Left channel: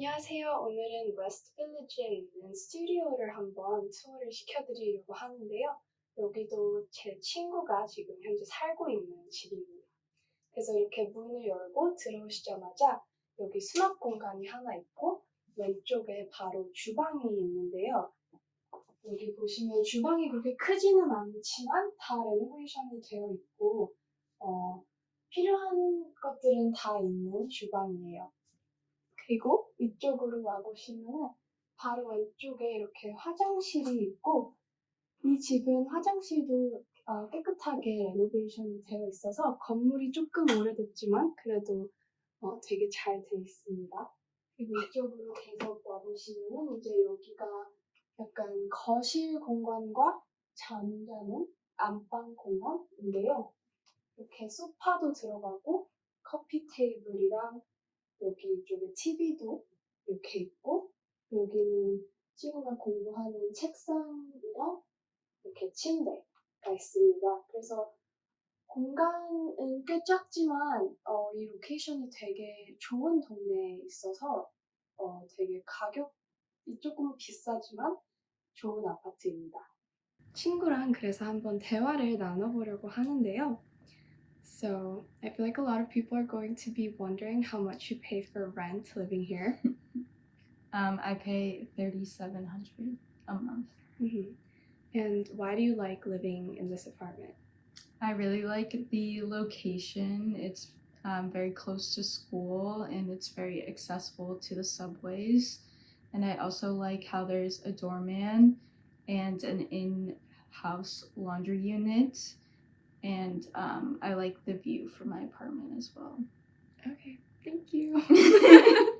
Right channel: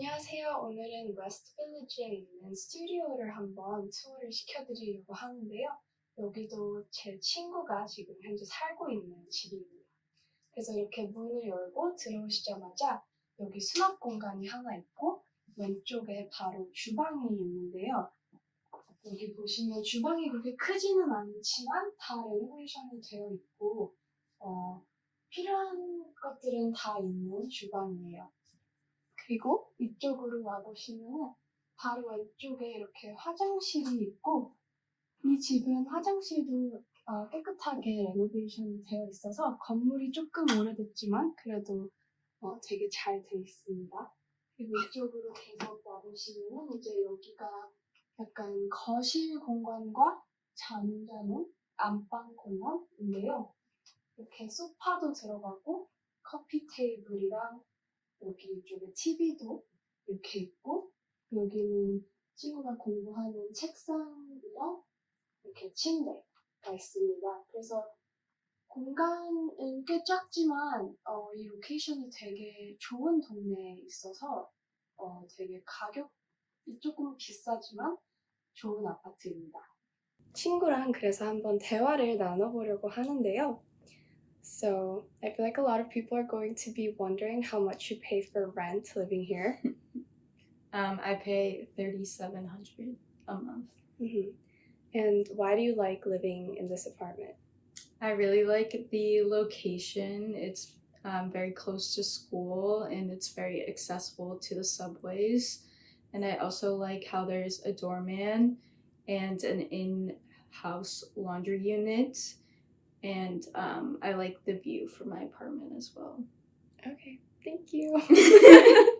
안녕하세요. 오늘은 웨스트 빌리지에 있는 스튜디오를 한번 투어를 시켜드리려고 하는데요. 여기도 제 친구가 지금 현재 살고 있는 집입니다. 그래서 이렇게 문을 열고 들어오시자마자 여기 수납 공간이 하나 있고 왼쪽에 바로 주방이 있는데요. 여기 보시면 주방이 그렇게 크지는 않지만 다 레노베이션이 되어 있고 어, 필요한 것들은 다 있는 주방이에요. 그리고 이쪽으로 와보시면 바로 왼쪽에 이렇게 화장실이 있고 이 집은 화장실도 어, 깨끗하게 레노베이션이 되어 있어서 건물이 조금 오래됐지만 그래도 어, 되게 잘 돼 있습니다. 그리고 이쪽으로 계속 와보시면 이제 여기가 약간 거실 공간과 잠자는 안방 공간인데요. 이렇게 소파도 들어가고 커피 테이블이랑 여기 이쪽에 TV도 이렇게 있고 여기는 친구가 공부하는 책상이랑 이렇게 침대가 있습니다. 그래서 공간은 꽤 작지만 어, 이 로케이션이 되게 좋은 동네에 있어서 어, 되게 가격이 조금 비싸지만 좋은 아파트입니다. 친구랑 그래서 한번 대화를 나눠보려고 하는데요. So, I feel like a lot of people are going to be wondering how much you pay for rent living here. Um, I pay thirty seven hundred a month. Mhm. And why do you like living in this apartment? I really like the location. It's um, very close to school and it's very accessible to the subways. And I also like how there's a doorman and an in-house laundry unit. And um, I like the view from my apartment as well. Okay, thank you.